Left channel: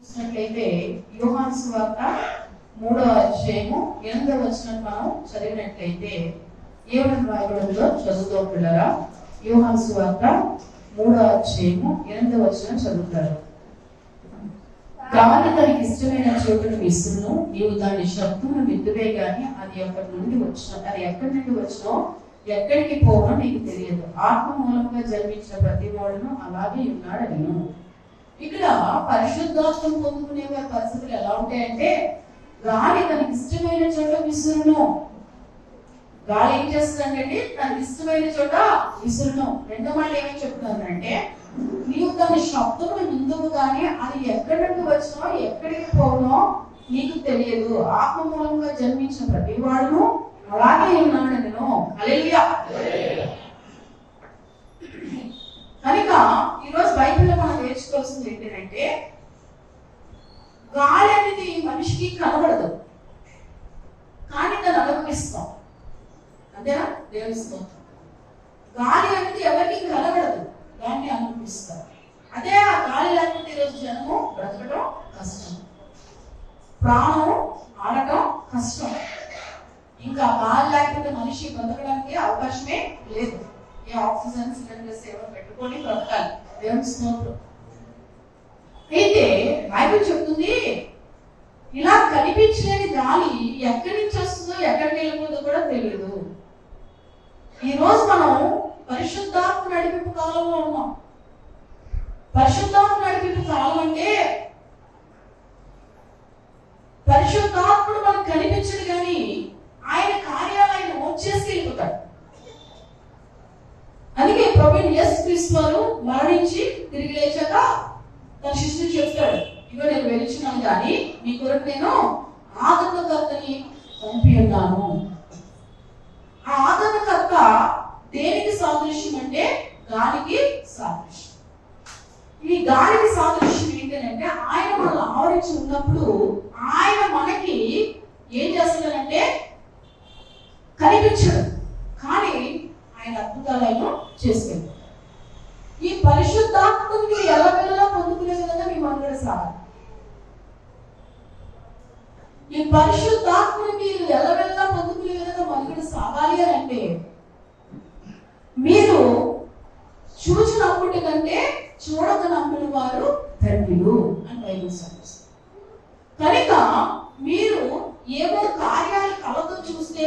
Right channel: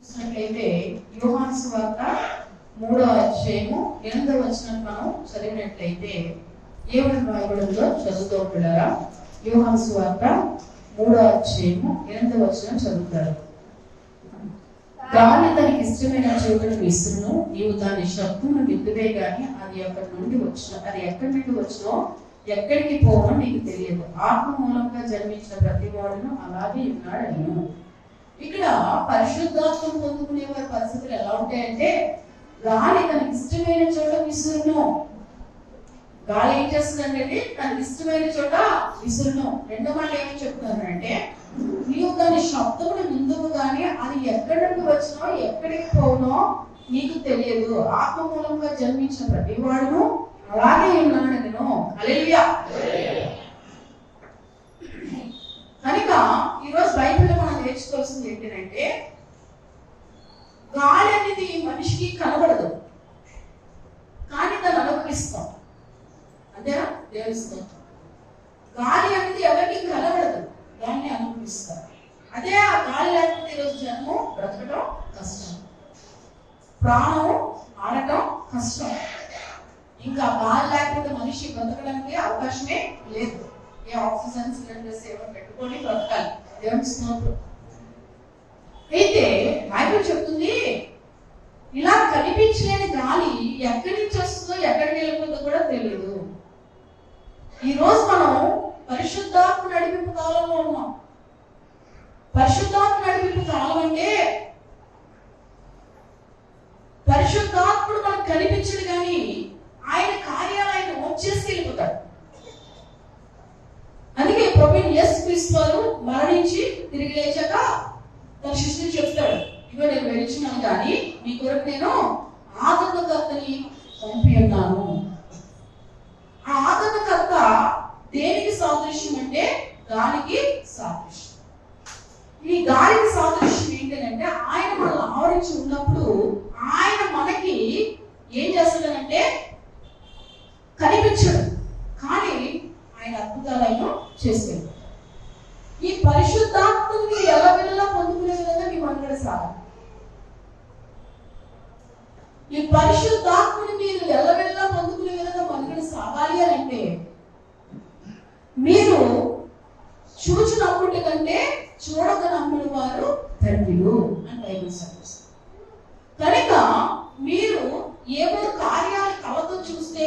చూసినట్లయితే యోహాను సువార్త 3వ అధ్యాయము 8వ వచనం మనం చదివినట్లయితే ఏమని రాయబడిందో చదువుతూ పిల్లరా. యోహాను సువార్త 3వ అధ్యాయము 8వ వచనం చదువుతారు. గాలి తనకి ఇష్టమైన చోటును విసురును, నీవు దాని శబ్దమును విద్దువే గాని అది ఎక్కడి నుండి వచ్చినో ఎక్కడికి పోవనో నీకు తెలియదు. ఆత్మ మూలంగా జన్మించిన ప్రతి వాడును అలాగే ఉన్నాడను. ఇక్కడ పరిశుద్ధాత్మ పొందుకునే వారి పరిస్థితులు ఎలా ఉంటాయంటే, గాలి తనకి ఇష్టమైన చోట విసురును. గాలి ఏం చేస్తుందంటే తనకి ఇష్టమైన చోట విసురును. రెండో మాట ఏమని చెప్తున్నారంటే, నీవు దాని శబ్దమును విందువు కానీ అది ఎక్కడి నుండి వచ్చినో ఎక్కడికి పోనో నీకు తెలియదు. ఆత్మ మూలంగా జన్మించిన ప్రతి వాడును అలాగే ఉన్నాడను. హల్లెలూయా. కనుక ఈరోజు బైబిల్లో మనం నేర్చుకోవాల్సింది ఏంటంటే, గాలి అనేది మనిషికి కనబడదు కానీ దాన్ని అనుభవిస్తాం. అంతేనా? దేవునిస్తాం. గాలి అనేది ఎవరికి కనబడదు, దాన్ని అనుభవిస్తారు. అదే ఆ గాలి లేకపోతే ఈరోజు జనము బ్రతకడం కష్టం, ప్రాణం ఆడటం కష్టం. ఇంకా గాలి లేకపోతే మనిషి బ్రతకడానికి అవకాశమే లేదు. ఏ ఆక్సిజన్ సిలిండర్స్ ఏమో పెట్టుకొని బ్రతకాలి. దేవుని స్తోత్రం. అయితే బైబిల్ చెప్తుంది, ఇలా కనిపించలేని గాలి ఎక్కడి నుంచి వస్తుందో ఎక్కడికి వెళ్ళిపోతుందో కూడా తెలియదు. ఈ రోజు మనం పరిశుద్ధాత్మ నడిపింపు కాలంలో ఉన్నాం. పరిశుద్ధాత్మ నడిపింపు కాలం అంటే పరిశుద్ధాత్ముడు మనకు కనిపించడు కానీ ఆయన కార్యాలు ఆయన వచ్చేసి వెళ్ళిపోతాడు. అందుకే ప్రభువు యేసు క్రీస్తు వారు మరణించి తిరిగి లేచాక తన శిష్యులు చెప్తాడు, ఇగో నేను వెళ్తున్నాను కానీ మీ కొరకు నేను ఆదరణకర్తని పంపి ఉన్నాను. ఆ ఆదరణకర్త దేనికి సాదృశ్యం అంటే గాలికి సాదృశ్యం. ఈ గాలికి సాదృశ్యం ఏంటంటే, ఆయన మనల్ని ఆవరించి ఉన్నప్పుడు ఆయన మనకి ఏం చేస్తాడంటే కనిపించడు కానీ ఆయన అద్భుతాలను చేస్తాడు. ఈ పరిశుద్ధాత్మను మీరు ఎల్లవెల్లా పొందుకునే విధంగా మీ మనుగడ సాగాలి. ఈ పరిశుద్ధాత్మను మీరు ఎల్లవెల్లా పొందుకునే విధంగా మనుగడ సాగాలి అని అంటే, మీరు చూచినప్పటి కంటే చూడక నమ్మిన వారు ధన్యులు అని బైబిల్ సాధిస్తుంది. కనుక మీరు ఏవో కార్యాలు కళతో చూస్తే,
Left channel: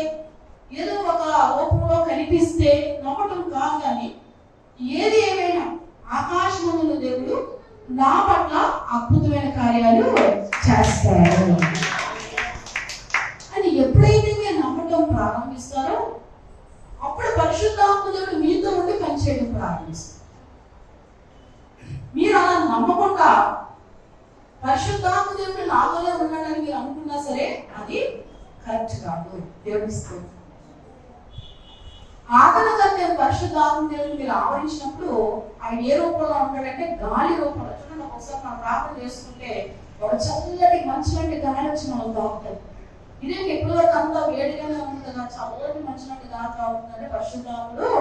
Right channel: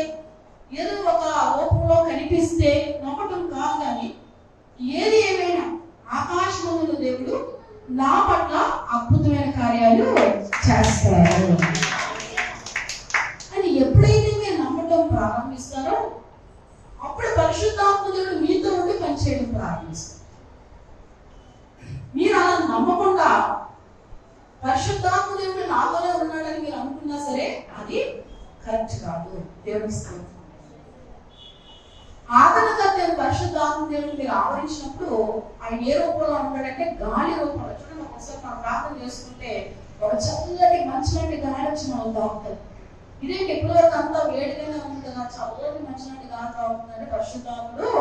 ఏదో ఒక రూపంలో కనిపిస్తే నమ్మటం కాదు కానీ, ఏది ఏమైనా ఆకాశమందున దేవుడు నా పట్ల అద్భుతమైన కార్యాలు చేస్తారు అని ఎప్పుడైతే మీరు నమ్మటం ప్రారంభిస్తారో అప్పుడు పరిశుద్ధాత్మ దేవుడు మీతో ఉండి పనిచేయడం ప్రారంభిస్తారు. మీరు అలా నమ్మకుండా పరిశుద్ధాత్మ దేవుడు నాతోనే ఉన్నాడని మీరు అనుకున్నా సరే అది కరెక్ట్ కాదు. దేవుని స్తోత్రం. ఆదరణకర్త పరిశుద్ధాత్మ దేవుడు మీరు ఆవరించినప్పుడు ఆయన ఏ రూపంలో ఉంటాడంటే గాలి రూపంలో. చూడండి, ఒకసారి మనం ప్రార్థన చేసుకుంటే ఒక చల్లటి మంచినట్టు గాలి వచ్చి మనం తాగుతుంది. ఇదే ఎప్పటి వరకు అంతా వేడిగానే ఉంటుంది, చల్లటి మంచినట్టు గాలి తాగుతుందంటే పరిశుద్ధాత్ముడు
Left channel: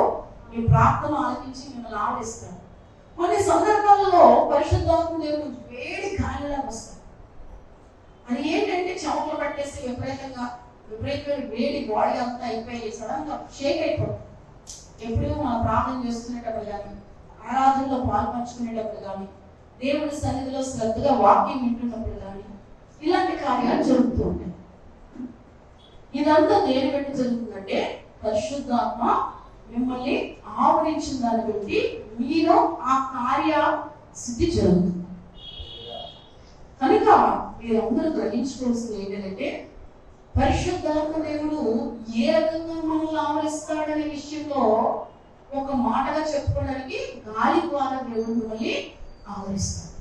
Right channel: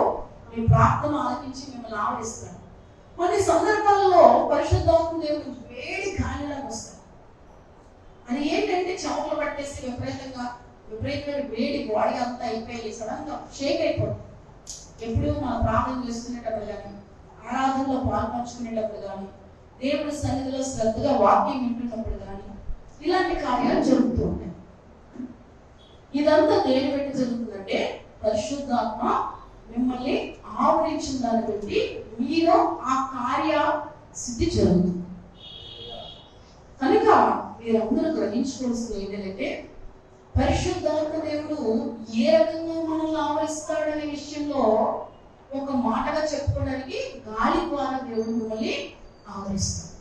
మీ ప్రార్థన ఆలకించి మిమ్మల్ని ఆవరిస్తాడు. కొన్ని సందర్భాలలో పరిశుద్ధాత్మ దేవుడు వేడి గాలిలా వస్తాడు. అది ఏంటంటే చెమటలు పట్టేస్తే విపరీతమైన వేడి బాడీ అంతా అయిపోయి సడన్ గా షేక్ అయిపోతుంది. ఎప్పుడు మనం ప్రార్థన చేసుకునేటప్పుడు కానీ, ఆరాధనలో పాల్పంచుకునేటప్పుడు కానీ, దేవుడి సన్నిధిలో శ్రద్ధగా వాక్యం వింటున్నప్పుడు కానీ ఇలాంటి కార్యాలు జరుగుతూ ఉంటాయి. ఇదంతా దేని బట్టి జరుగుతుందంటే పరిశుద్ధాత్మ మిమ్మల్ని ఆవరించిన దాన్ని బట్టి మీరు ఆ కార్య సిద్ధి జరుగుతుంది. కనుక మీరందరూ గ్రహించుకోవాల్సింది ఏంటంటే, పరిశుద్ధాత్మ దేవుడు ఏ రకంగా మనల్ని ఆవరిస్తాడనే విషయంలో ఒక మాటగా చెప్పుకోవడానికి గాలి ద్వారా దేవుడు మిమ్మల్ని ఆవరిస్తాడు.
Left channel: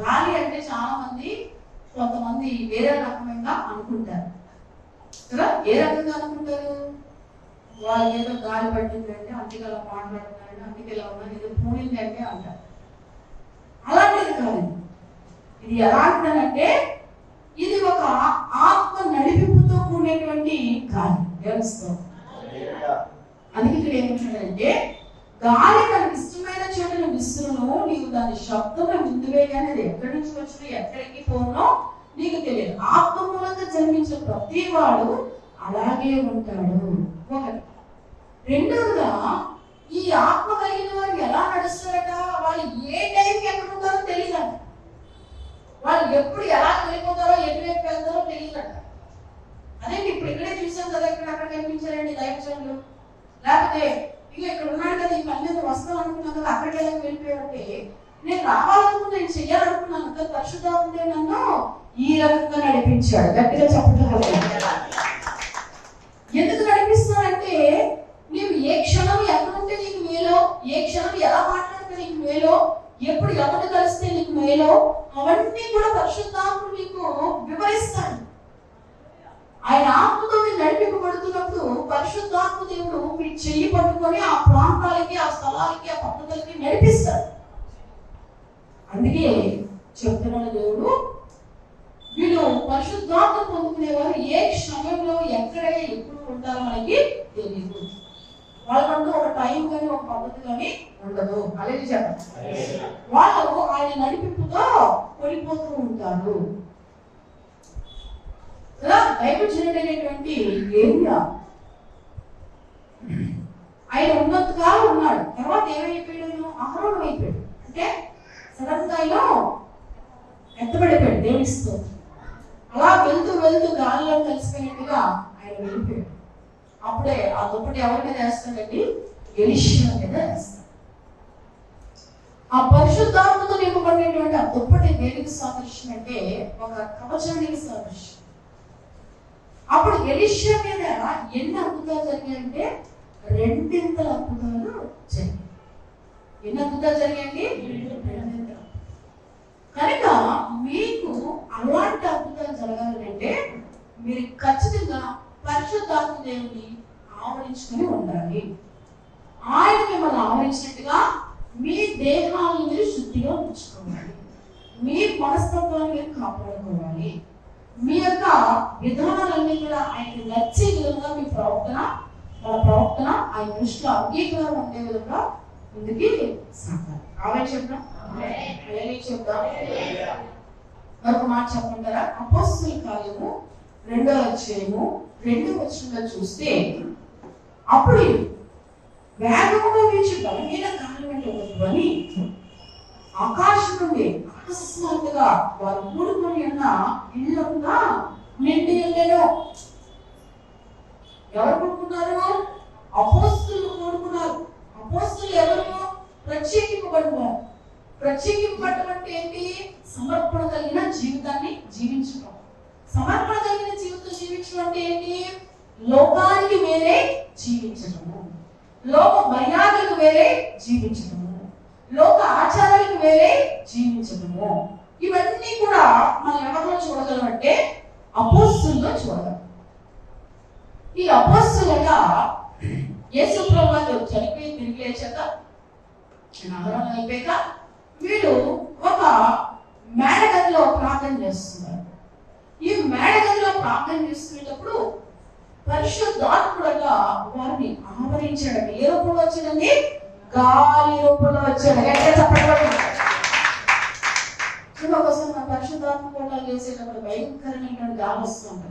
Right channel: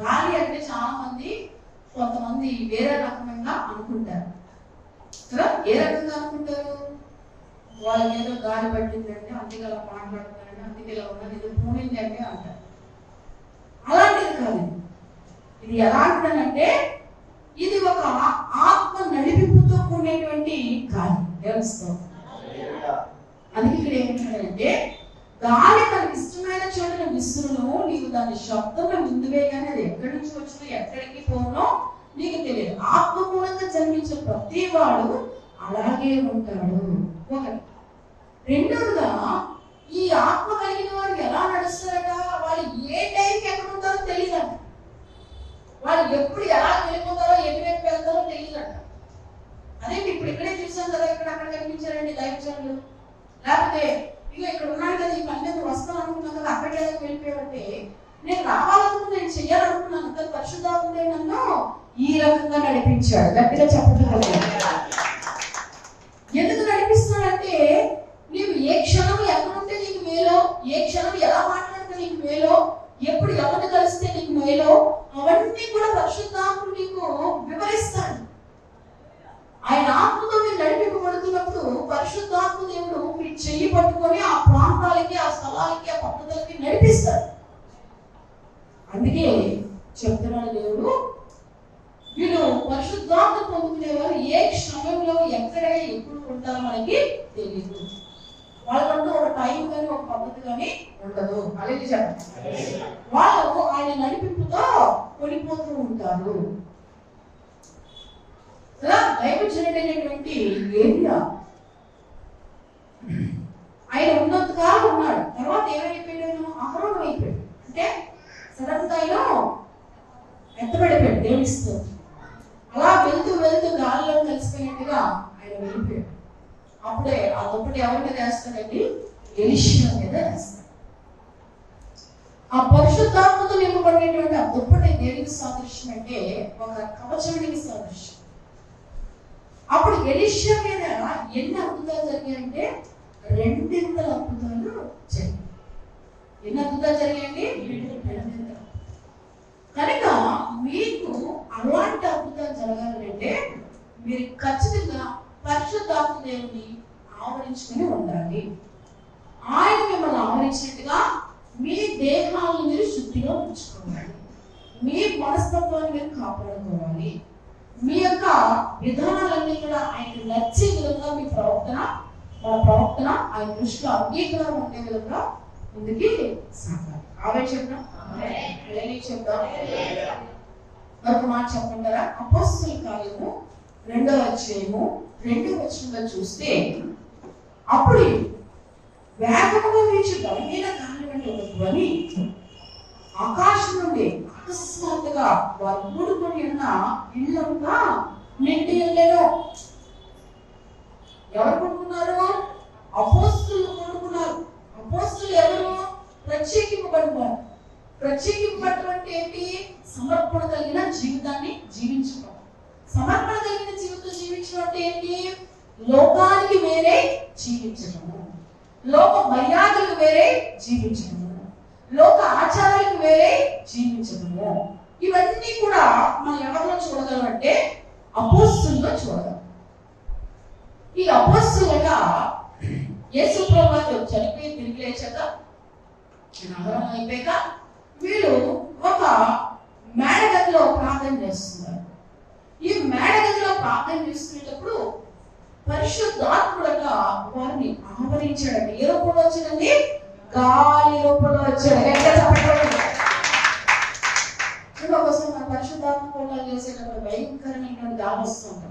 గాలి అంటే చాలా మంది కొంతమంది వేరే రకంగా అనుకుంటారు కదా. ఏ రకంగా అనుకుంటారు? వాళ్ళకి ఏదో గాలి పట్టిందంటే అందుకే అలా మాట్లాడుతున్నారంటే, అందుకే ఇలా ఉన్నది, ఏదో పూడింది అంటే అంటారు. అలాంటిది కాదు. ఇది ఎలాంటిదంటే ఇది ఒక ఆత్మ నడిపింపుతో కూడినటువంటి గాలి. వ్యవస్థ అందుకే ఇక్కడ ఏమంటాడంటే, గాలి తనకి ఇష్టమైన చోటను విసురును, నీవు దాని శబ్దము ముందువే కానీ అది ఎక్కడి నుంచి వచ్చినా ఎక్కడికి పోనో నీకు తెలియదు. ఆత్మ మూలంగా జన్మించిన ప్రతి వాడు అలాగే ఉంటాడు. ఒకటి. రెండోదిగా ఈ ఆత్మ కలిగిన వారు ఎలా నడుస్తారట, వాళ్ళు ఏ టైంకి ఎక్కడ ఉంటారో తెలియదంట. వాళ్ళు ఎప్పుడు ఎలా వెళ్ళిపోతారో ఎటువైపు వెళ్తారో తెలియదంట. అదే ఇప్పుడు ఇక్కడే చూసాం కదా, ఇక్కడ అక్కడ కనిపించారండి దైవజనులు. లేకపోతే ఇక ఇక్కడ ఉన్నాడు కదా, ఈ పని మీద వస్తాం అనుకున్నాను కదా, అక్కడ వెళ్ళిపోయారంటే నేను రావాలనుకున్నా, నేను చెయ్యాలనుకున్నాను కదా, పరిశుద్ధాత్ముడే నన్ను ఈ రకంగా నడిపించాడు. గట్టిగా చెప్పగలరు. ఎందుకు నడిపిస్తున్నాడంటే నీవు ఏ క్షణం ఎక్కడ ఉంటే నీకు మేలో, ఏ క్షణం ఎలా మాట్లాడితే నీకు మేలో, ఎప్పుడు ఎవరిని కలిస్తే నీకు మేలో, అవన్నీ కూడా పరిశుద్ధాత్ముడు నీకు వివరిస్తాడు. ఆయన ఆత్మతో మీరు నడిపింపబడుతున్నప్పుడు పరిశుద్ధాత్మ దేవుడు మీ చెయ్యి పట్టుకొని ఆ ప్రాంతాలకి, ఆ స్థలాలకి, ఆ పద్ధతులకి నడిపిస్తాడు. అందుకే చెప్తున్నాడు దేవుడు, వీళ్ళు పరిశుద్ధాత్మ పొందుకునేవారు ఏ క్షణంలో ఎక్కడ ఎప్పుడు ఉంటారో మనకి తెలియదు. వాళ్ళకంటూ ఒక టైం కానీ ఒక పద్ధతి కానీ ఉండదు. అలాగే చెప్పండి, వాళ్ళు ఆయన నడిపింపుతో కొనిపోతూ ఉంటారు. దైవజనుడైనటువంటి ఏలియా ఆయన ఉన్నంత కాలం ఉన్నాడు. తర్వాత ఏమైపోయాడు? అహరోను అయిపోయాడు. అంటే సడన్గాలో ఎత్తబడిపోయాడు దేవుడిస్తూ. అలా వెళ్తూ వెళ్తూ గాలిలో కలిసిపోయినట్టుగా ఆయన వెళ్ళిపోయాడు. అప్పుడే ఆ దుప్పటి ఎవరి మీద వేస్తాడండి? ఎలీషా మీద వేస్తాడు. ఆ పరిశుద్ధాత్మతో నింపబడినటువంటి ఆ దుప్పటి దేనికి సాదృశ్యం అంటే ఒక కవచానికి సాదృశ్యం. అప్పుడు ఎలీషా మీద ఎన్ని అద్భుతాలు జరిగాయంటే 2 అద్భుతాలు జరిగాయి. ఎన్ని అద్భుతాలు జరిగాయండి? 2. కనుక మీకు అలాంటి అద్భుతాలు జరగాలంటే మీరు ఖచ్చితంగా పరిశుద్ధాత్మ దేవుని ఆవరించుకుని ఉండాలి. ఆయన మిమ్మల్ని ఆవరించినట్టుగా మీ దేహాలను మీరు శుద్ధిగా ఉంచుకోవాలి. మీ మనస్తత్వాన్ని మీరు కాపాడుకోవాలి. మీ యొక్క విధానాలన్నీ కూడా ఆయనకు నచ్చే విధంగా మీ మన ప్రవర్తన ఆయన దృష్టిలో అంగీకారం ఉండే విధంగా ముందుకి సాగాలి. ఆవే చెప్తాం, చెప్తాం. మరొక మాట చెప్పంటారా? అపోస్తలుల కార్యము 2వ అధ్యాయము 2వ వచనంలో చూస్తే, అప్పుడు వేగంగా వీచి బలమైన గాలి వంటి ఒక ధ్వని ఆకాశం నుండి అకస్మాత్తుగా వారు కూడుకొని ఉన్న ఇళ్ళంతా నిండి ఉండేను. ఎవరు కూడుకున్నారు? అపోస్తలులు కూడుకున్నారు. అపోస్తలులు ఎవరు? ప్రత్యేకింపబడినారు. ప్రత్యేకింపబడటం అంటే ఏంటి? సమర్పణ కలిగిన జీవితాన్ని జీవించడం. సమర్పణ కలిగిన జీవితం జీవించడం అంటే ఏంటి? లోకానికి వేరే జీవించడము, లోక మర్యాదలకు వేరే జీవించడము, లోక ఆచారాలకు వేరే జీవించడము. ఇవన్నీ కూడా మనం ఎవరిలో చూడగలం అంటే అపోస్తలుల్లో చూడగలం. ఈ అపోస్తలుగా యేసు ప్రభువు చనిపోయి తిరిగి లేచాక నగరం అయిపోయాక వీళ్ళు ఒక మేడగదిలో ప్రార్థన చేస్తున్నారు. ఈ మేడగదిలో ప్రార్థన చేసుకునేటప్పుడు పరిశుద్ధాత్ముడుగా వారిని ఆవరించాడు. ఏ రూపంలో వచ్చిందండి? గాలి రూపంలో వచ్చాడు. ఒకసారి నా పరిశుద్ధాత్మ కూడా చేసేటప్పుడు భయంకరమైనటువంటి గాలి వస్తుంది.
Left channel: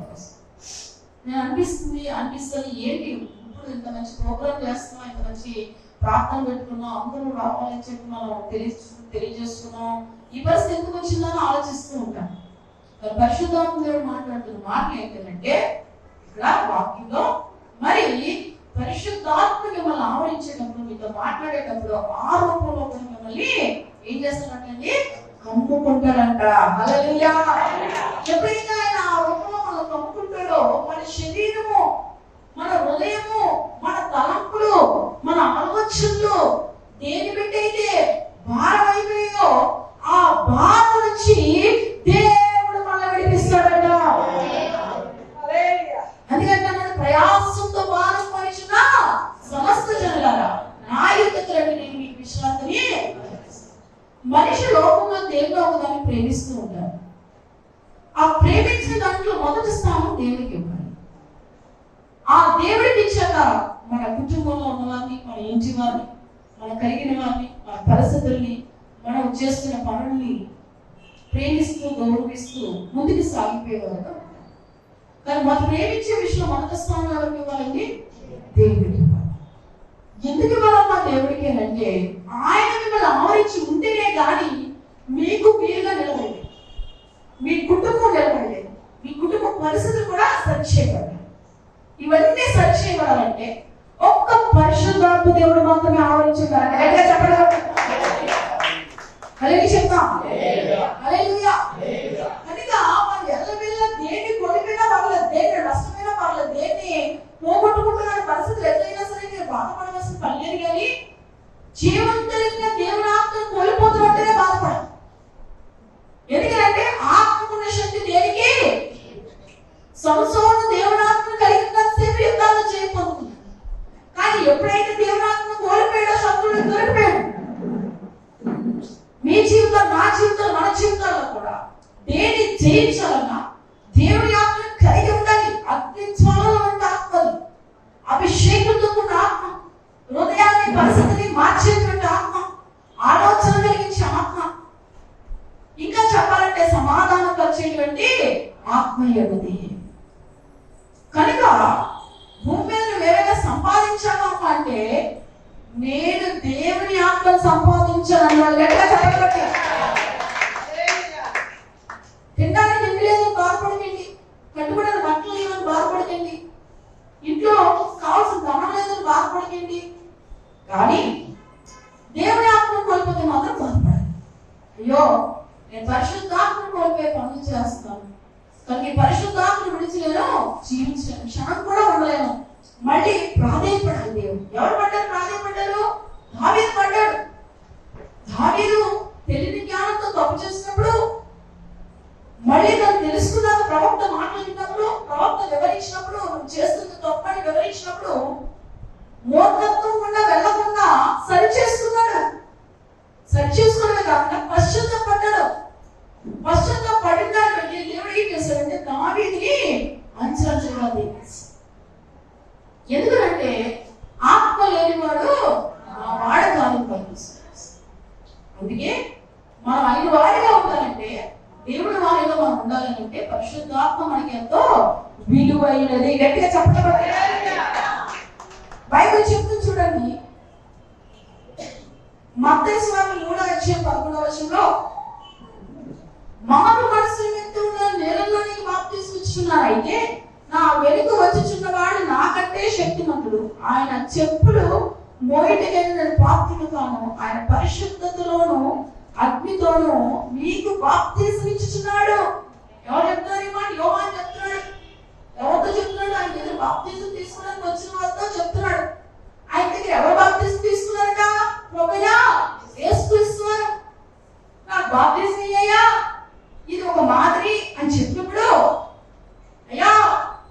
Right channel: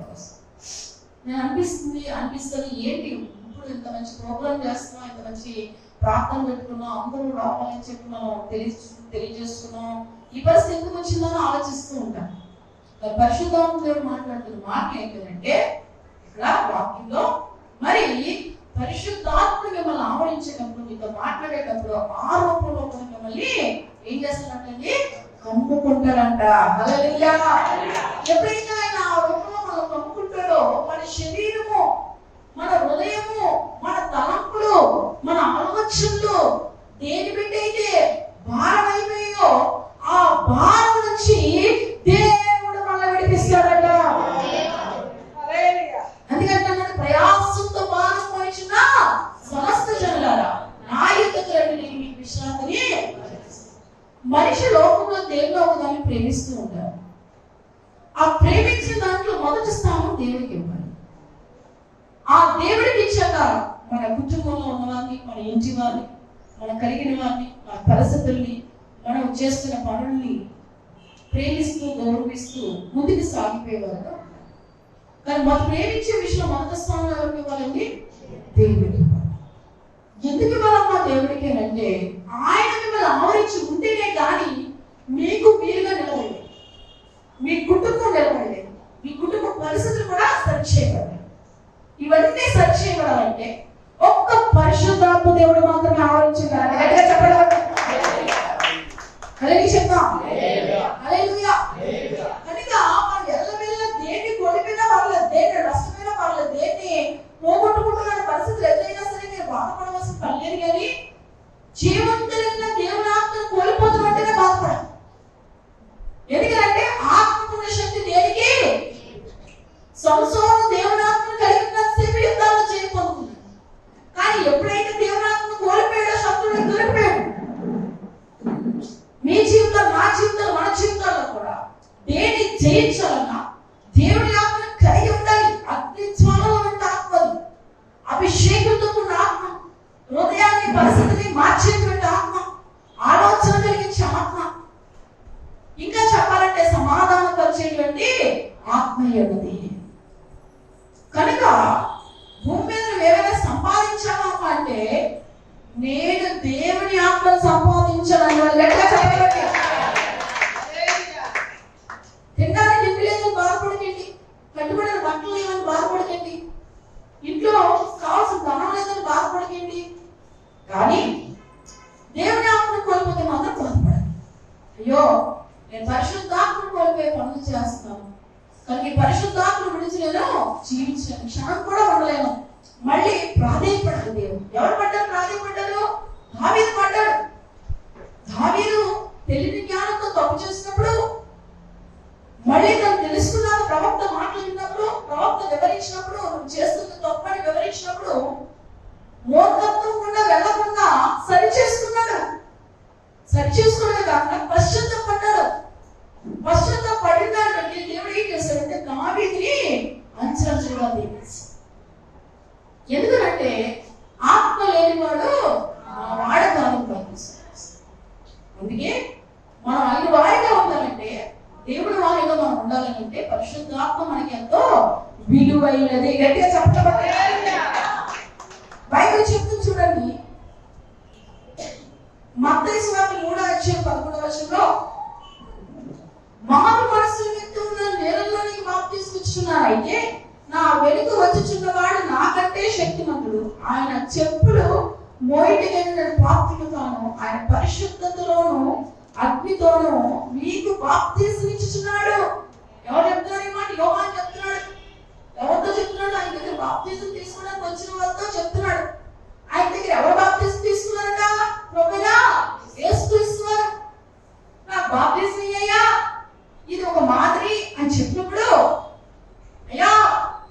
నేను అనిపిస్తుంది ఏంటి ఇప్పుడు ఇంత మంచి ప్రోగ్రామ్ చేస్తున్నాం, ఇంత మంచి ప్రార్థన పెట్టుకున్నాం, అందరూ రావాలని చెప్పి మనం తెలియజేస్తున్నాం, ఈ పరిస్థితి ఎందుకు వచ్చిందని ఆలోచిస్తూ ఉంటాను. పరిశుద్ధాత్మ మాట్లాడుతున్న మాటలు ఏంటంటే ఇక్కడ వాక్యంలో మరి పరిశుద్ధాత్మ మిమ్మల్ని ఆవరించేటప్పుడు, మీతో మాట్లాడేటప్పుడు ఆ రూపంలో మిమ్మల్ని ఏం చేస్తారంటే కమ్ముకుంటారంట. హల్లెలూయా. ఎప్పుడైతే ఆయన ఆ రూపంలో మనం కమ్ముకుంటాడో మన శరీరము, మన హృదయము, మన తలంపులు, మన ఆలోచనలు దేని బిడ్డ అయితే భారం అయిపోయో ఆ భారం నుంచి దేవుడు మనల్ని విడిపిస్తాడట. అందుకంటే ప్రయాసంతో భారం పోయించిన సమస్త జనులారా నా యుద్ధకు రండి, మీకు విశ్రాంతిని. మనిషి లోకంలో దేవుడు ఒకదాన్ని ప్రేమిస్తూ ఉంటారు. ఆ ప్రేమించిన దాంట్లో మొదటి స్థానం దేవుడికి ఇవ్వాలి. ఆ దేవుడికి ఇచ్చాక మన కుటుంబంలో ఉన్నవారిని, మన ఇంటి వారిని, మన కలిగిన వారిని, మన పరిస్థితుల్ని, చేస్తున్న పనుల్ని ప్రేమిస్తూ గౌరవిస్తూ ముందుకు సాగిపోయేవారు. కానీ మనం ప్రేమించే విషయం మొదటి స్థానంలో ఎవరికి ఇవ్వాలండి? దేవుడికి. ఎందుకు ఇవ్వాలమ్మా దేవుడికి అంటే ఆయన మిమ్మల్ని ఆవరించి ఉంటేనే కానీ మీకు వీలుగా నిలబడలేదు, మీ కుటుంబం నిలబడలేదు, మీ కుటుంబ పరిస్థితులు కూడా సరి చేయబడాలి. ఇవన్నీ సరి చేయబడాలంటే ఒక్క పరిశుద్ధాత్మ దేవుడు మాత్రమే ఆవరించగలరు. చెప్తాం కనుక మనం ఎల్లవెల్ల దేన్ని కొలిపినా పర్లేదు, దేన్ని నష్టమైనా పర్లేదు, దేన్ని పోగొట్టుకుంటున్న పరిస్థితులు ఎదురైనా సరే నేను బాధపడవలసిన పని లేదు. కానీ జీవంతులైన దేవుని ఆత్మను కోల్పోతున్నట్టుగా బాధపడాలి. ఎందుకంటే ఆత్మకున్న శక్తి దేనికి? సంసోను దేవుని ఆత్మను కలిగినంతసేపు యుద్ధాలు చేయబోతుంది. కానీ ఎప్పుడైతే దేవుని ఆత్మను కోల్పోయాడో శత్రువులు దొరికిపోయాడు. మీ జీవితం, నా జీవితం, మన జీవితాల్లో కూడా దేన్ని జయించాలన్నా దేవుని ఆత్మను కలిగి ఉండాలి. అగ్ని జ్వాలలో ఉన్న ఆత్మది, అభిషేకంతో ఉన్న ఆత్మ, హృదయాన్ని పరిస్థితిని మార్చేటువంటి ఆత్మ, ఆలోచన కలిగించే ఆత్మ, ఇంకా చెప్పాలంటే సమాధానం కలిగేటువంటి ఆత్మ ఏది. కనుక భూమి మీద ఏమైనా సంపాదించాను అంటే నేను దేవుని ఆత్మను సంపాదించాను. తినడానికి ఏమి లేదు బాధపడకండి, కట్టుబడిన బట్టలు లేదని బాధపడకండి, ఇంట్లో కావాల్సిన ధనం లేదని బాధపడకండి. కానీ దేవుని ఆత్మను కోల్పోతే మాత్రం బాధపడాలి. అయ్యో నేను పరిశుద్ధాత్మను కోల్పోయే పనులు చేస్తాను, కానీ పరిశుద్ధాత్మను విడిచి నేను జీవించలేను, క్షణం కూడా ఉండలేను. మళ్ళీ ప్రాధేయపడాలి. దేవుడు ఎవరు పడ్డారు? ప్రాధేయపడ్డారు. దావీదు పడ్డాడు. దావీదు తెలివి జ్ఞానంతో తప్పు చేసినప్పుడు, మళ్ళీ తను తెలుసుకున్నాను ప్రవక్త మాట్లాడినప్పుడు, ప్రవక్త వివరించినప్పుడు, చేస్తున్న తప్పని వివరించినప్పుడు మూర్ఖత్వం కూడా వెళ్ళకుండా సరి చేసుకున్నాడు. సరి చేసుకోవడమే కాకుండా పశ్చాత్తాపడ్డాడు. పశ్చాత్తాపడినాడు. దేవుడు ఏం చేశాడంటే దావీదుని అంచెలంచెలుగా దీవించాడు. ఎందుకంటే ఆత్మ లేనివాడు వాడకాలు. అందుకే మనం ఆయన వారిగా ఉండాలంటే, దేవుడు వారిగా మనం ఉండాలంటే పరిశుద్ధాత్మ మనకి ఎంతో విలువైనది. గట్టిగా చెప్పబడే బైబిల్ చెప్తుంది చూడండి. మత్తయి సువార్త 3:13 మారు మనసు నిమిత్తముగా నేలలోనికి బాప్తిస్మం ఇచ్చుచున్నారైతే నా వెనుక వచ్చుచున్నవాడు నాకంటే శక్తిమంతుడు, ఆయన చెప్పులు మోయటగలిగిన పాత్రుడుగాను, ఆయన పరిశుద్ధతలోను అగ్నితోను మీకు బాప్తిస్మం ఇచ్చుచున్నాడు. ఎవరు చెప్తున్నారు ఈ మాట? యోహాను చెప్తున్నాడు. ఎవరితో చెప్తున్నాడు? ఆయన దగ్గర బాప్తిస్మం తీసుకోవడానికి వచ్చిన వాళ్ళతో చెప్తున్నాడు. ఆయన దగ్గర ఎవరు బాప్తిస్మం తీసుకున్నారట? ప్రభువా యేసుక్రీస్తువారు. నాకు బాప్తిస్మం ఇయ్యయ్యా, ఇది ఒక మాదిరి అని చెప్పినప్పుడు, అయ్యా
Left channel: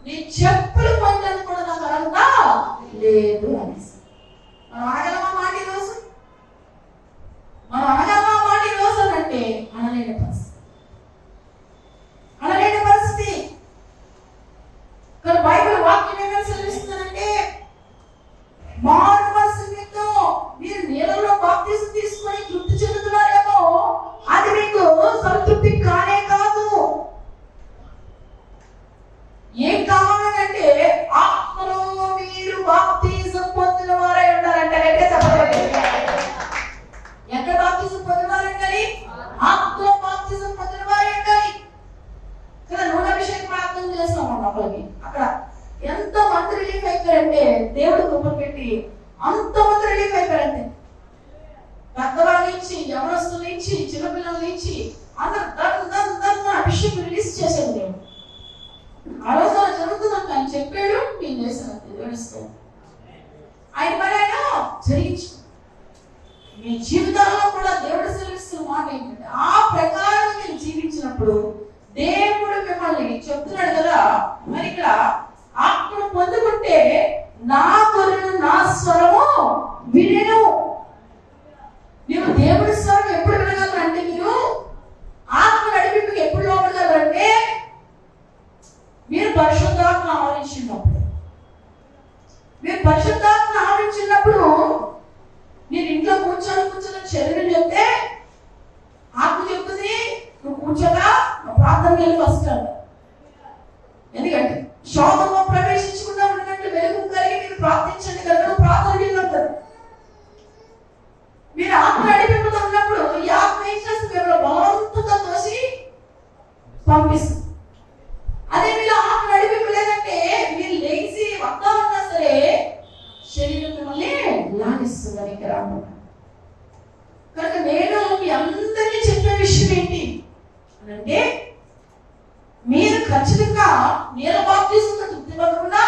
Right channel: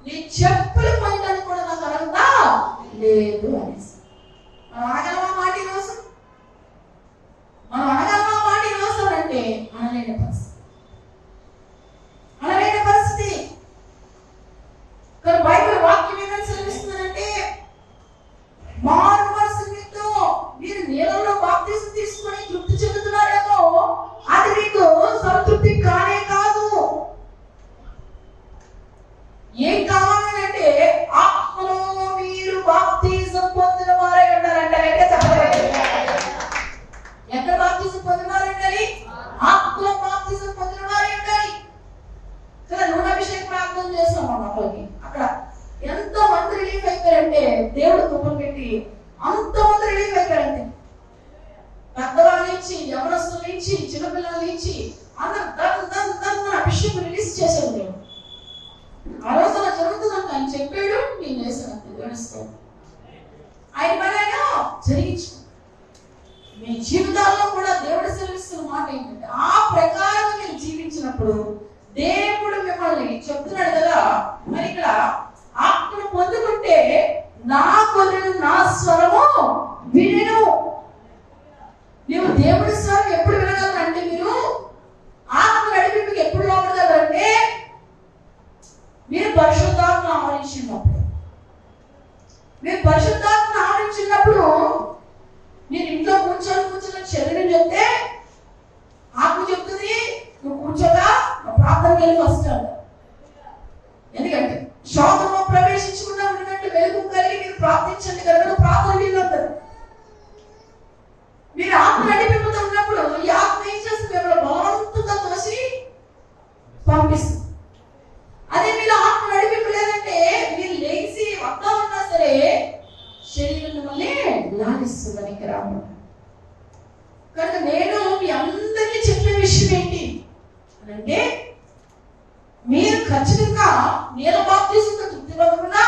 నీ చెప్పులు పోయడానికి కూడా నాకు అర్హత లేదు అనేసి మనం అనగలమా మాట ఈరోజు? మనం అనగలమా మాట ఈరోజు అంటే అనలేని పరిస్థితి, అనలేని పరిస్థితి. కానీ బైబిల్ వాక్యం ఏమని సెలవిస్తుందంటే మారు మనసు నిమిత్తం మీరు నీళ్ళలో బాప్తిస్మం తీసుకొని తృప్తి చెందుతున్నారేమో, అది మీకు సంతృప్తి కానే కాదు. ఏం కావాలంటే ఆత్మలో మీరు బాప్తిజం పొందిన వారై ఉంటారంట. ఎక్కడ బాప్తిజం పొందిన వారంటారు? ఆత్మలో బాప్తిజం పొందిన వారై ఉంటారు. కదా నూనెభిషేకం ప్రార్థన చేస్తాం అన్నది. అక్కడ ఎంత మంది రిలీఫ్ అయిపోయారంటే దేవుడు కృపను పెట్టి అంతమంది రిలీఫ్ అయిపోయారంటే, పెద్దవాళ్ళ నుంచి, యవనస్తుల నుంచి, చిన్నపిల్లల నుంచి అందరూ దాన్ని అభిషేకం రిలీజ్ చేశాడు దేవుడు. ఆలోచన జరుగుతుందంట. ఆయన చెప్పాడు, నేను చేశాను. దేవుడిస్తాం ఆయన పనైనా జరిగించు. మీ జీవితాల్లో కూడా దేవుడు సెలవిస్తున్న మాట ఏంటంటే ఆ ప్రకారంగా మీరు జీవించినప్పుడు దేవుడు మిమ్మల్ని చెప్తున్నాడు కదా. మరి ఇక్కడ ఆత్మను పొందుకుంటే నా గొర్రెలు నా స్వరము వినను. మీరు దేవుడి స్వరం ఎప్పుడు వినగలరంటే, మీరు ఆత్మ నడిపింపుకి ఎప్పుడు లోపడగలరంటే మీరు పరిశుద్ధాత్మ ఆవరించినప్పుడు. మీరు పరిశుద్ధాత్మ ఆవరించినప్పుడు మీరు ఇంట్లో కూర్చొని శరీరం చెప్తే విషయం ఏంటి అంటే, మీరు ఖచ్చితంగా నీళ్ళ బాప్తిజంతో తృప్తి పొందకుండా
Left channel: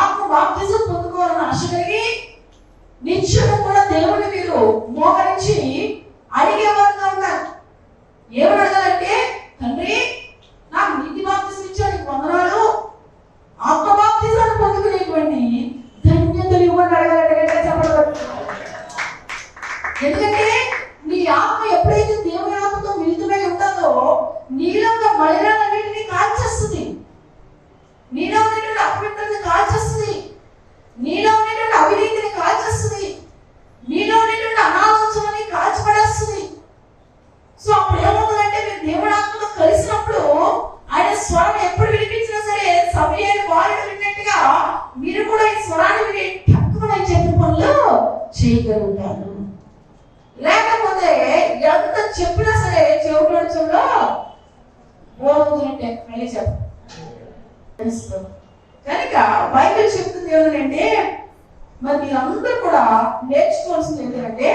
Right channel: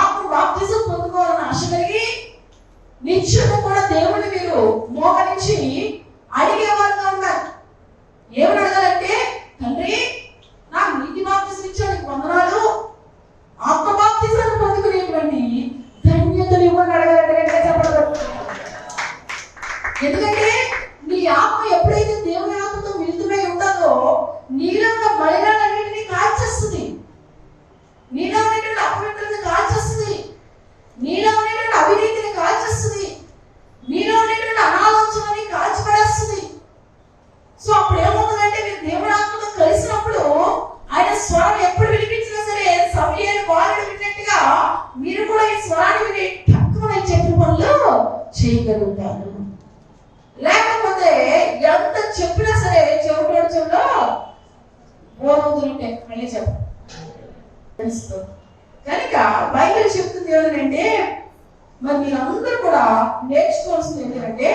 ఆత్మ బాప్తిజం పొందుకోవాలని ఆశ కలిగి నిత్యము కూడా దేవుని మీరు మోకరించి అడిగే వరంగా ఉన్నారు. ఏమని అడగాలంటే, తండ్రి నాకు నీటి బాప్తిజం ఇచ్చాడు, వందనాలు, ఆత్మ బాప్తిజాన్ని పొందుకునేటువంటి ధన్యతలు ఇవ్వని అడగాలంటే చెప్పడం. ఎందుకంటే నీ ఆత్మ ఎప్పుడైతే దేవుని ఆత్మతో మిళితమై ఉంటుందో నీలో ఉన్న మలినాలన్నింటినీ కాల్చేస్తుంది, నీలో ఉన్నటువంటి అపవిత్రతని కాల్చేస్తుంది, నీలో ఉన్నటువంటి అవినీతిని కాల్చేస్తుంది, నీలో ఉన్నటువంటి అనాలోచనని కాల్చిపడేస్తుంది. సో అప్పుడు ఏమవుతుందంటే, మీరు దేవుని ఆత్మతో కలిసినప్పుడు ఆయన స్వరం ఎప్పుడు వినిపించినా సరే సమయాన్ని బాలుడు విన్నట్టుగా మీరు కూడా ఈ స్వరాన్ని విని తక్కువ చెప్పిన పనులు చేయగలుగుతారు. లేకపోతే ఎంత చెప్పినా సరే చెవులో చెవులో బోధవుతుంటే మళ్ళీ తెలుస్తుంది. కనుక బైబిల్ చెప్తుంది ఏంటంటే, మరి మీరందరూ కూడా నేర్చుకోవాల్సింది ఏంటంటే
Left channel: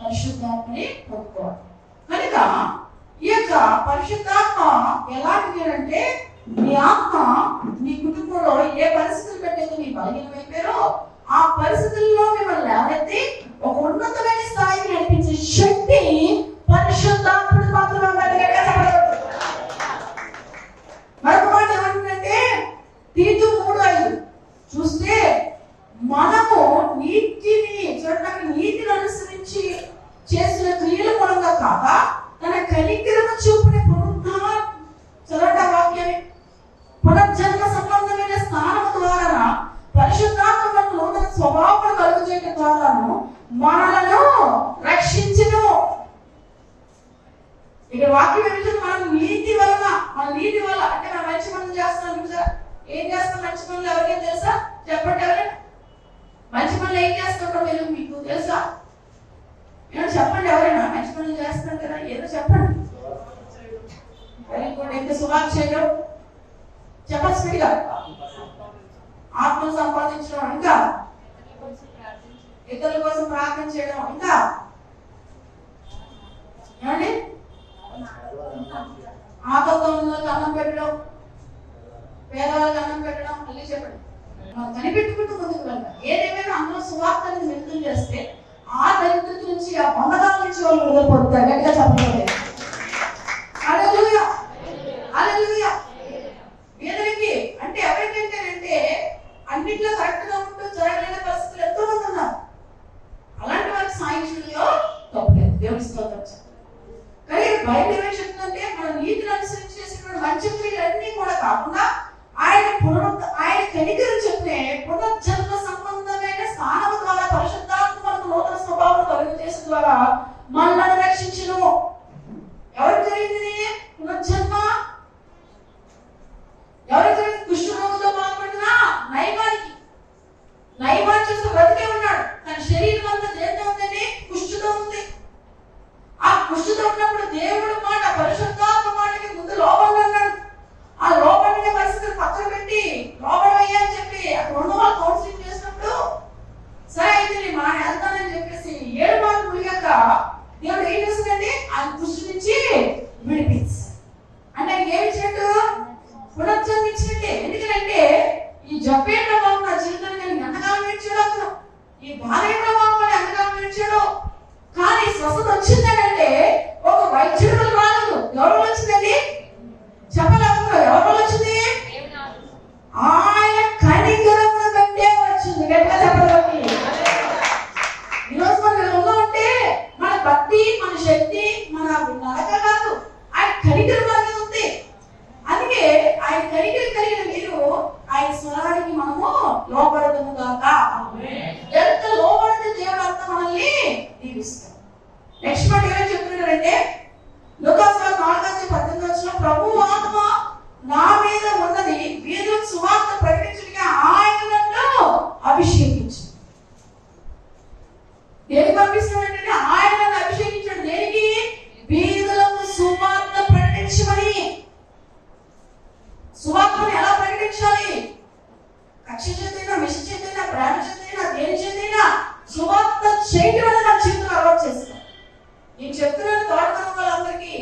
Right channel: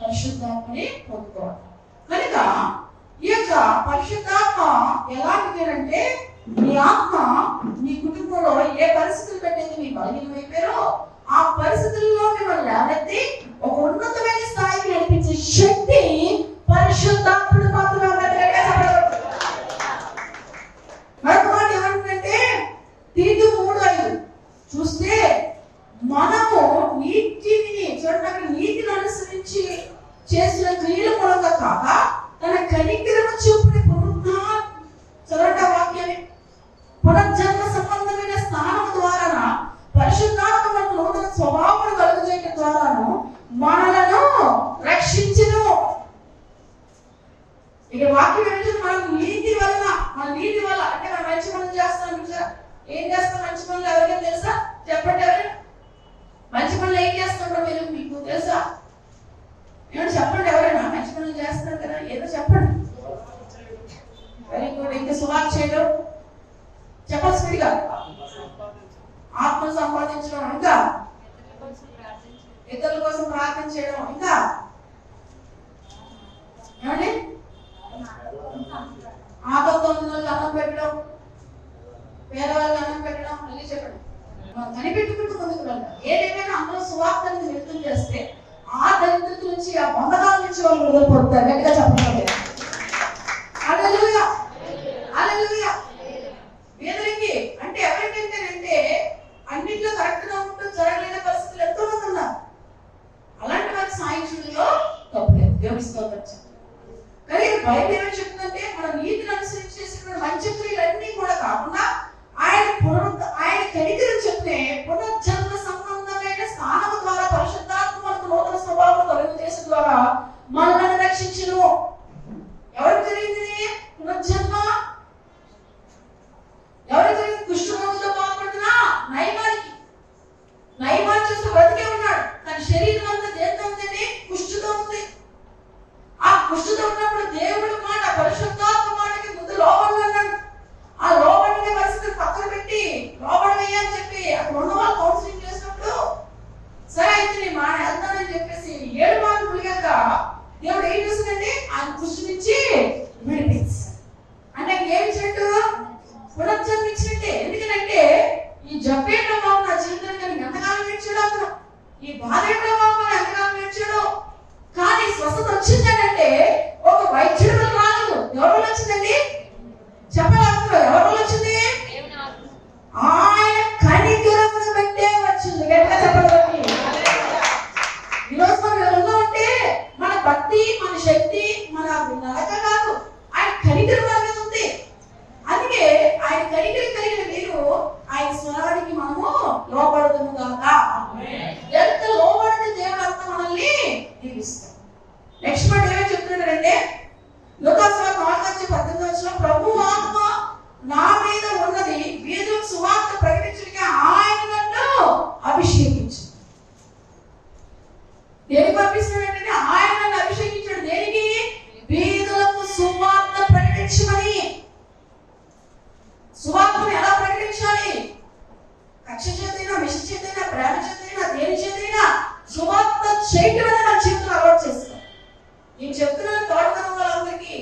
పరిశుద్ధాత్మని పొందుకోవాలి. కనుక ఈ యొక్క పరిశుద్ధాత్మ ఎలాంటిది అంటే, మీ ఆత్మ మీ కుటుంబంలో ఏ పరిస్థితులు పెట్టేది మీ బలహీనమైపోయారో ఆ పరిస్థితుల్లో మిమ్మల్ని లేవనెత్తి ఒక ఉన్నతమైన స్థాయికి నడిపించే శక్తి పరిశుద్ధాత్ముడు మాత్రమే. మరొక మాట ఏమంటుందంటే, తీతు 3:5 చూస్తే, మనము నీతిని అనుసరించి చేసిన క్రియల మూలంగా కాగా తన కనికరము చూపిన పునర్జన్మ సంబంధమైన స్నానం ద్వారా పరిశుద్ధాత్మకు నూతన స్వభావం కలుగజేయడం ద్వారాను మనలను రక్షించును. ఇక వాక్యం ఏంటంటే, మన నీతి వల్ల అంటే మనం మంచి పనులు చేస్తాం కదా. ఏం చేస్తాం మంచి పనులు? ఎవరికైనా తెలుసా? చెప్పండి, ఎవరైనా మంచి పనులు ఏం చేస్తుంటాం మీకు తెలుసా? ఏమన్నా చెప్పండి, ఎవరైనా మంచి పనులు చేస్తాం కదా, ఏదో చెప్పండి. Very good. ఇంకా సువార్త చేయడం, చెప్పాల్సిందిగా ఆత్మ సంపాదించడం, ఇంకా ఇతరుల కోసం ప్రార్థన చేయడం, ఇంకా ఏమండి ఆపత్తో ఉన్న అన్నం పెట్టడం, వేరే వాళ్ళకి అన్నం పెట్టడం, మళ్ళీ చెప్పండి. మనం కనిపెట్టుకుంటూ ముందుకు వెళ్తాం. ఏదేమైనా అందులో సువార్తని నిర్ణయం చేస్తే ఆ దరిద్రత నుంచి, ఆ బంధకాల నుంచి వాళ్ళు విడుదలపడతారు. గట్టిగా చెప్పలేదు. హల్లెలూయా, హల్లెలూయా. వీరికి అంటే ఎవరికంటేనంటే అన్నింటిలో కరెక్ట్ గా ఉంటూ జరగలేని పరిస్థితులు ఎంతో మంది ఉన్నారు. అలాంటి వారి సాంక్షుల్లో తప్పలేదు. దేవుని స్తోత్రం. కానీ బైబిల్ ఏమని చెప్తుందంటే, మనం నీతిని అనుసరించి చేసిన మంచి క్రియలన్నీ కూడా కాకుండా ఆయన కనికరం చెప్పే పునర్జన్మ సంబంధమైన స్నానం ద్వారా పరిశుద్ధాత్మ మనకు నూతన స్వభావం కలుగజేసిన ద్వారా మనల్ని రక్షించును. ఎవరికి జరిగింది పునర్జన్మ? ఎవరికి జరిగింది? కుష్ఠరోగంతో బాధపడుతున్న నయమాన్ని చూస్తూ బ్రతికే ఉన్నాడు. తన శరీరం అంతా దేంతో ఉందండి? కుష్ఠుతో ఉంది. ఆ కుష్ఠుతో ఉన్నప్పుడు దేవుడి మాట, పరిశుద్ధాత్మ మాటకి ముందు లోపల అన్నాడు. ఆ లోపలనే పరిస్థితులు పక్కన పెట్టి లోపలయ్యా అని చెప్పి అక్కడ ఉన్న వాళ్ళు కౌన్సిలింగ్ చేసినప్పుడు, సరే అయితే నేను మా వెళ్తానని చెప్పేసి 7 మార్లు మునిగాక దేవుడు ఏం చేస్తుందండి? ఆయన కుష్ఠు నుంచి విడిపించాడు. అంటే ఏమి ఇచ్చినట్టు? పునర్జన్మ ఇచ్చినట్టే. ఎందుకంటే ఈ జబ్బు ఏంటో బాబు నా జీవితాన్ని నేను ఎంతకాలం నేర్చాడు, అతను ఈ బాధ ఏంటో బాబు ఎంతకాలం నేర్చాడు. కానీ స్వస్థత వచ్చిందంటే ఒక వైద్యుడు రాలేదు. ఎవరు వచ్చిందండి? చెప్పలేదు. ఎవరు వచ్చింది? ఆయన కనికరమును బట్టే వచ్చింది. గట్టిగా చెప్పలేదు. ఈరోజు మనం ఎలా ఉంటే మన భక్తి, మన శక్తి, మన నడక కాదు, ఆయన కనికరం అనేది ఉంది. అందుకే ఆయన కనికరం కలిగిన మీరు ఆయన స్వరానికి మనము లోపడతాము కాక. ఎంత లోపడితే దేవుడు అంతా మనల్ని దీవిస్తాడు. నెక్స్ట్ మాట ఏమని చెప్తున్నాడంటే, లూకాసు 4:18 ప్రభు ఆత్మ నా మీద ఉన్నది, వీధులకు సువార్త ప్రకటించడానికి ఆయన నన్ను అభిషేకించు. దేనికి పంపిస్తున్నాడంటే ఆయన నన్ను అభిషేకించాడు. దేనికి? వీధులకు సువార్త ప్రకటించమని. సువార్తను ఎలా ప్రకటించాలి? కక్ష చేతైనా, విష చేతైనా, ప్రేమ చేతైనా, దేని చేతైనా సువార్త చేయడం నా జీవితంలో అలవాటు చేస్తాను. నేను చెప్తున్నాను తోటతనం వాళ్ళందరికీ,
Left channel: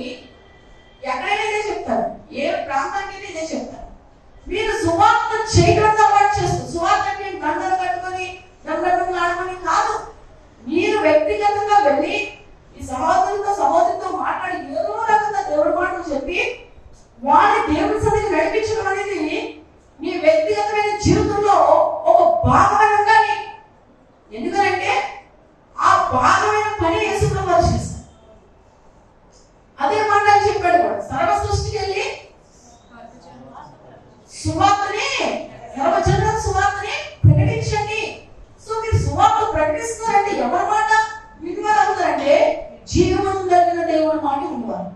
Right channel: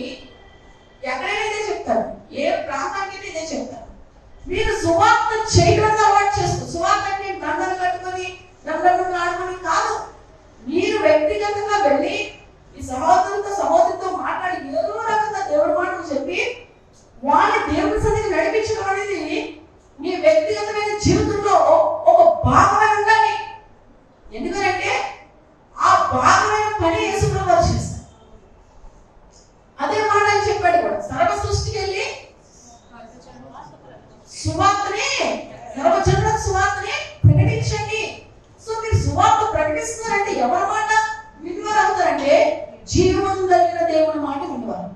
జీవం కలిగిన దేవుని మాట వినేవారు.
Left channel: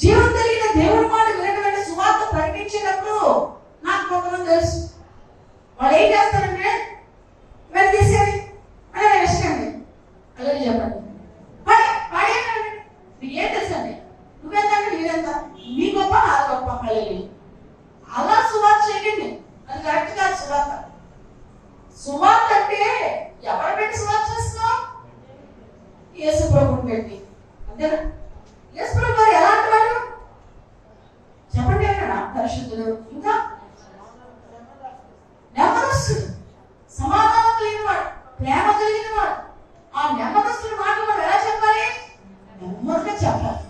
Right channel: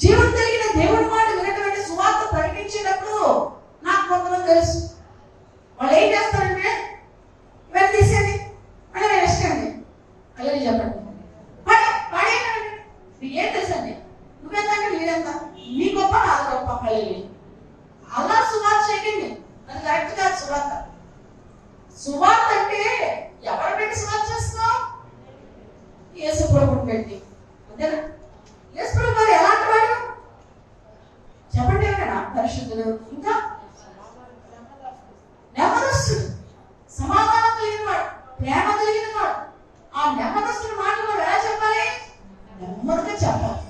జీవం కలిగిన దేవుని మాట వినటువంటి సువార్త ప్రకటించినప్పుడు నాకు కొంతమంది తెలుసు. వాళ్ళు ఏం చేస్తారంటే వీళ్ళు తీసేది అంటే ఇష్టండి అదే చెప్పండి ఏం తెలుసండి, నువ్వెంతంటే నీదెంత, నీ గొప్ప నాది గొప్ప కళ అలా సువార్త చేయండి. అది కరెక్ట్ కాదు. సువార్త అంటే ఎవరు పెట్టి సువార్త చేస్తున్నావు? యేసు ప్రభువుని పెట్టి. అంతేనా? యేసు ప్రభు గారు ఎలాంటి వాడు చెప్పండి. అక్కడ పరిశుద్ధుడు, ఇంకా నెమ్మదస్తుడు, సమాధానం కలిగిన వాడు, ప్రేమ కలిగిన వాడు. ఆ నెమ్మదస్తుడి మాటలు ఎలా చెప్పాలి? నెమ్మదిగా చెప్పాలి.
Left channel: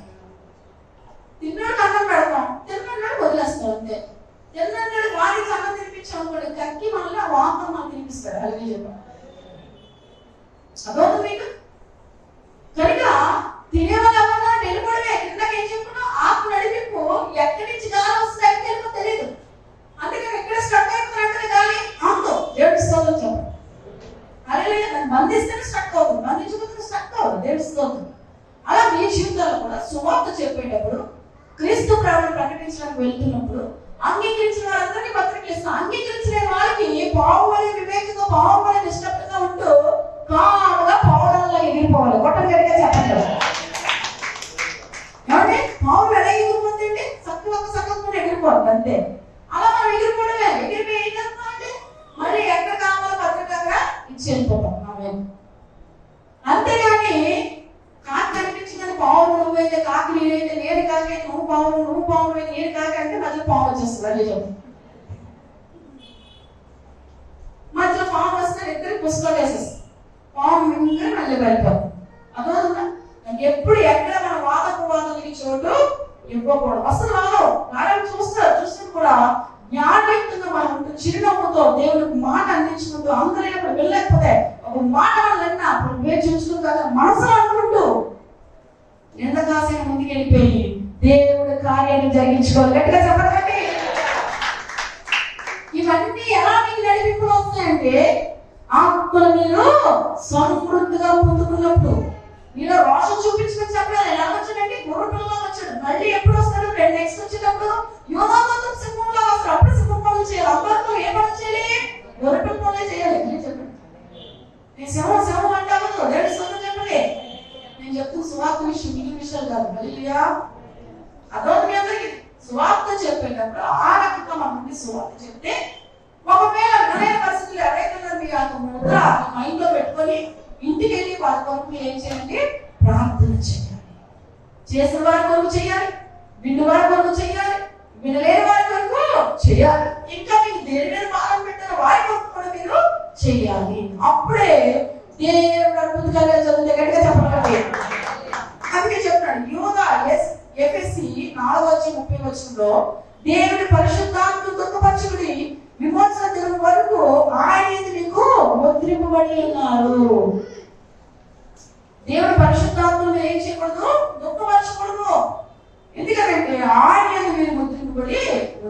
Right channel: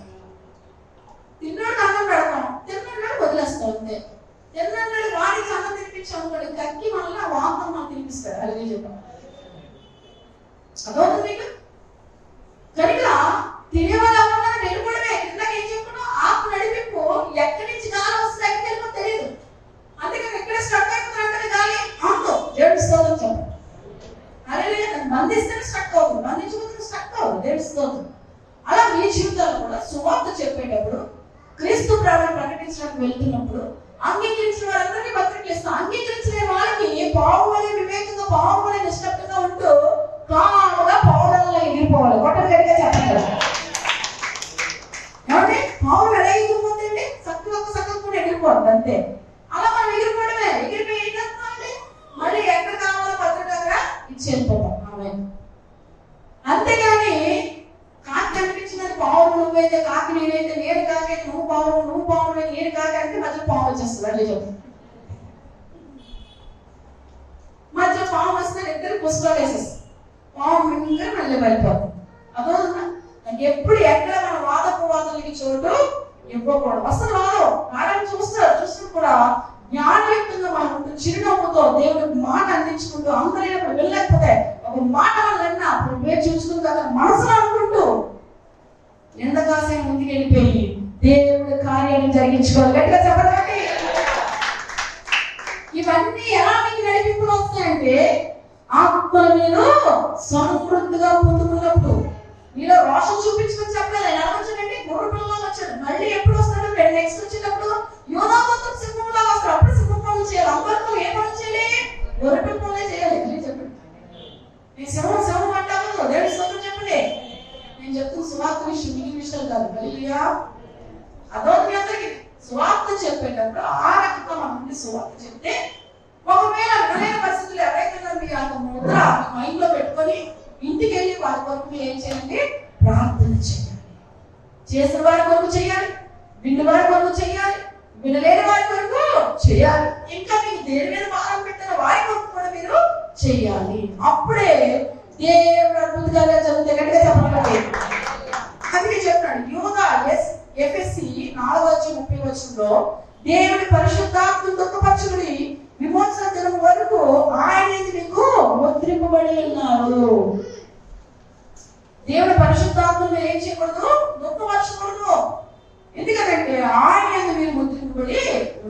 తిన్నాడు అన్నం పెడతాం, తిన్నాడు వదిలేస్తాం అంతే. తిన్నాడు వాడికి అన్నం తినిపించాం అనుకోండి, కక్కి మళ్ళీ వాంతం మనం తినిపిస్తాడు. అలాగే చెప్పాం. అదవుతుంది మీకు. కనుక తినేవాళ్ళు ఎవరన్నా వెళ్ళిపోవడమే. కిందకి ఏం చెప్పినా ఆకు నడిపింపు ఎక్కడి నుంచి గాలి వస్తుంది, ఎక్కడికి వెళ్ళిపో తెలియదు. అందుకని ఎక్కడ స్టక్ అయిపోతున్నట్టు గాలి ఆకు దేవుడిస్తోంది చెప్పండి. అలాగే బంధిస్తేనే స్టక్ అవుతుంది, బంధించబోతున్న స్టక్ అవుతుంది దేవుడిస్తోంది. అలా మీ జీవితాలు కూడా సువార్త చెప్పేటప్పుడు, క్రీస్తు ప్రభువుని ప్రకటించడానికి వెళ్తున్నప్పుడు అంగీకరించిన వాళ్ళందరినీ పత్రికలు ఇస్తాం. అంగీకరించిన వాళ్ళకి పావుబడి వివేకంగా, పావుబడి నిష్ఠగా ఉంటూ కాముగా పౌరాల్లో ఎగిరిపోవాలి. కొట్టడిగా చెప్పండి. ఏమంటే పావులు ఎలా ఎగిరిపోతుంది? చక్కగా ఎగిరిపోతుంది అంతే. అలా మనం ఎగిరిపోవడమే. ఎగిరిపోయి ఏం చేస్తామంటే మళ్ళీ ఎక్కడ కావాలో పత్రిక దగ్గర ఇచ్చి వెళ్ళిపోతాం. అంతేగాని కాకి కనిపించిందని పావులు నువ్వైతే, కాకి నేనైతే, నేను కాకి నువ్వు పావులు నేను కాకి అంటే మధ్యలో పాము వచ్చేస్తుంది. అదే చెప్తాను. మధ్యలో పాము వస్తే ఇద్దరు పుస్తకాలు వేసేస్తాం. పాము మింగని మళ్ళీ వెళ్ళిపోతాం. అదోనా? ఎప్పుడు ఎక్కడ మన వాదపోవాదాలకి చోటు ఇవ్వకూడదు. అసలు నాడని చూస్తూ కూడా జ్ఞానయుక్తంగా మనం చిరునవ్వుతో దేవుడికి మాట అందించుకుంటూ, అందరూ వెళ్ళలేకపోతే ఒక మాట వల్ల అప్పుడు వేచి చూసుకుంటూ కదా మనసులో అనుకుంటూ ఎండకాసం ముందుకు వెళ్ళిపోయి దేవుడి కార్యాన్ని జరిగించుకోవాలి. ఎట్లా చెప్పండి. ఇవన్నీ ఎలా మీకు నడిపింపులు వస్తాయంటే ఆత్మలు మీరు సమృద్ధిగా పొందుకున్నప్పుడు. మీలో రోషం చూపించుకొని చెప్పలేదు. ఎలా వచ్చాడంటే గుర్ర పిల్లలు వచ్చాడు. మళ్ళీ ఎప్పుడు వస్తాడు? నెక్స్ట్ వచ్చేటప్పుడు యోనా మొత్తం సింహంలో వస్తారు. అప్పుడు సింహం పనులు చేయాలి. అందరితో ఏ పనులు చేయాలి? గుర్ర పిల్లలే చేయాలి. చెప్పండి. నేను సింహం అంటాను దేవుడి స్తోత్రం చెప్పండి. నేను చెప్తున్న సువార్త విషయం ఈ విషయాలు కాదు. హల్లెలూయా. అదో మీ అందరికి సువార్త చెప్పేటప్పుడు ఆ రకంగా మన సువార్త చెప్తే ఒకవేళ వినే పరిస్థితులు ఎవరైతే మీ అంత ముద్ర మైండ్ లో పెట్టుకొని ఇంటికి వెళ్ళి వారి కొరకు ఏం చేయండి? ప్రార్థన చేయాలి. చేసిన వారి కొరకు చేయాలి, విన్న వారి కొరకు చేయాలి, వినలేని వారి కొరకు చేయాలి. ఇంకా మీకు దేని మీద భారం పెట్టిన వారి కొరకు కూడా మీరు చేయాలి. అప్పుడే దేవుడు అద్భుతంగా జరుగుతుంది. గట్టిగా చెప్పండి. అందుకే చెప్తాడు యోనా ఎఫెసీ 4:30 దేవుడి పరిశుద్ధాత్మ దుఃఖపరచుకుని విమోచన దినం వరకు ఆయన మీకు ముద్రింపబడి ఉన్నారు. దేవుడి పరిశుద్ధాత్మను ఏం చేయకూడదు? దుఃఖపరచకూడదు. ఎందుకంటే ఆయన మీరు ముద్రింపబడి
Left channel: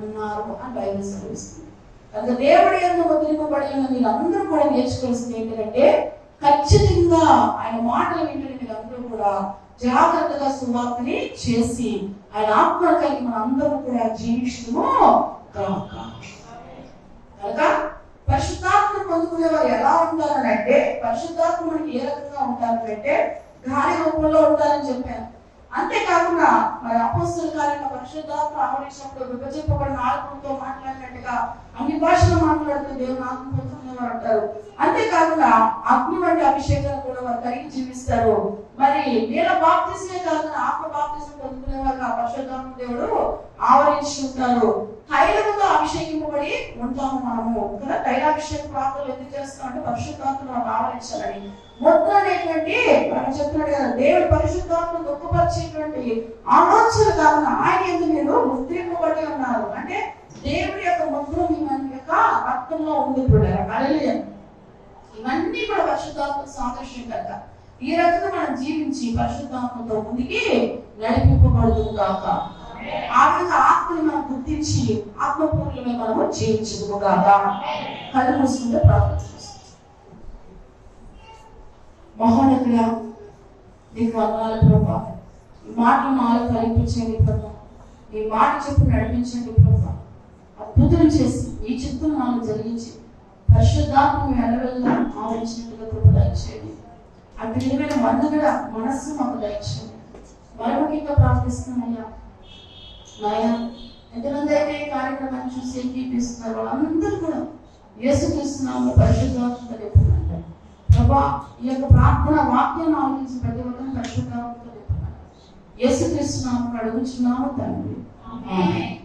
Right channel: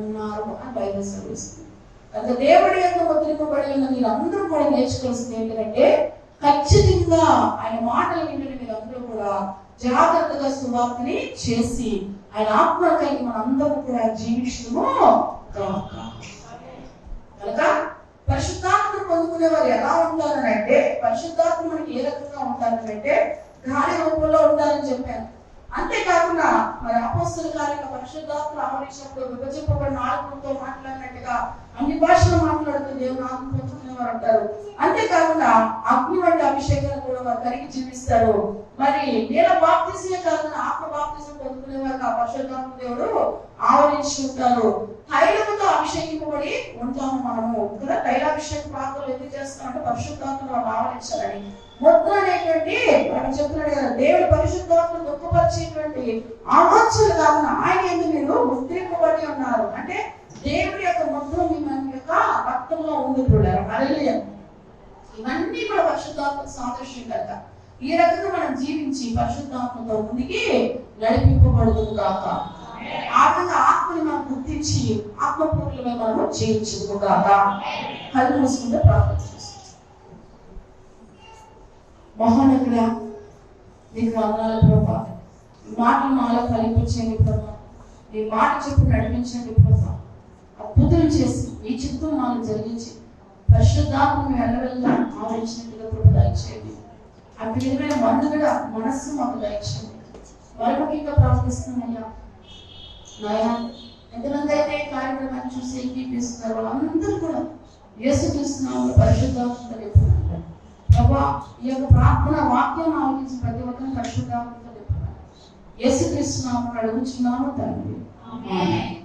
ఉన్నారు అని బైబిల్ సెలవిస్తుంది. అంటే దేవుడి యొక్క ముద్రింపబడి ఉన్న మీరు అందరూ కూడా నేర్చుకోవాల్సింది ఏంటంటే ఖచ్చితంగా ఆయన మాటలు వింటే మీరు అందరూ కూడా జాగ్రత్తగా సువార్తని చేసి ఆయన ఆత్మలు కలిగి మన అందరూ కూడా జీవించడము కాక. కనుక పరిశుద్ధాత్మను పొందుకునే వారు ఎలా ఉంటారనంటే, పరిశుద్ధాత్మ మనకి ఏ రకంగా ఉంటారంటే గాలి రూపంలో ఉంటారని చెప్పాను. అంతేకాకుండా మరి అపోస్తలుల కార్యంలో పరిశుద్ధాత్మ ఆవరించినప్పుడు విభజింపబడిన ఆత్మతో మాట్లాడినట్టుగా అన్ని భాషలు మాట్లాడుతూ దేవుని ఆత్మ పొందుకునేవారు అంటారు. అంతేకాకుండా అగ్ని వంటి అభిషేకాలు కూడా వారు కలిగి జీవిస్తారు. మరి నీళ్ళ బాప్తిజమే కాకుండా ఆత్మ బాప్తిజం పొందుకునే వారు ఆ పరిశుద్ధాత్మ దేవుడు ఆవరించుకుంటారు. తైలముతో అభిషేకింపబడి ఉంటాము మనము కదా. తైలాభిషేక ప్రార్థనలు ఎందుకు చేస్తామంటే పరిశుద్ధాత్మను మనం ఆవరించాలని. ముద్ర అనేటువంటి మనం చెప్తున్నాడు కదా, దేవుడి పరిశుద్ధాత్మను దుఃఖపరిచేటువంటి ఆలోచనలు కాకుండా ఆయన ఎందుకు మీరు ముద్రింపబడి ఉన్నారు అంటే దేవుడి యొక్క ముద్ర మీ మన యొక్క రక్తంలో ఉంది. హల్లెలూయా. ఇవన్నీ కూడా పరిశుద్ధాత్మ సాదృశ్యం కదా. ఈ రకంగా మనం జీవించి పరిశుద్ధాత్మతో ముందుకి నడిపింపబడుతుంది కాక. ఆ విధంగా ఆత్మని మనం గుర్తించి ఆత్మపూర్ణమే మనము జీవించదు కాక. కళ్ళు మూసుకుంటే ప్రార్థన చేస్తాం. మహానగుడా నీకు వందనాలు ప్రభా. ఈ మాటలు మాలో కల్పించండి ప్రభా. ఈ మాట చెప్పు నడిపించండి ప్రభా. అద్భుతం చేసి ఈ చిత్తం మాకు జరిగించి పరిశుద్ధాత్మ వెళ్ళవెళ్ళ ఆవరించినట్టుగా ప్రభు దయచేయండి. అటు విధమైన మందుగా మనస్సు మాకు దయచేయండి. మరొకటిగా ప్రార్థిస్తున్నాయ్యా నాయన, ఎంతమంది అయితే ఈ కార్యక్రమాన్ని చూసి ఏకీపిస్తున్నారో అందరూ కూడా యేసుక్రీస్తునామములో పరిశుద్ధాత్మతో నింపుతున్నాను ప్రభా. ఈ యొక్క ప్రార్థన వాక్యాన్ని ఆలోచించి ప్రతి ఒక్కరిని పరిశుద్ధాత్మతో నింపుతున్నాను. యేసుక్రీస్తునామములో అడుగుచున్నాము తండ్రి. ఆమేన్.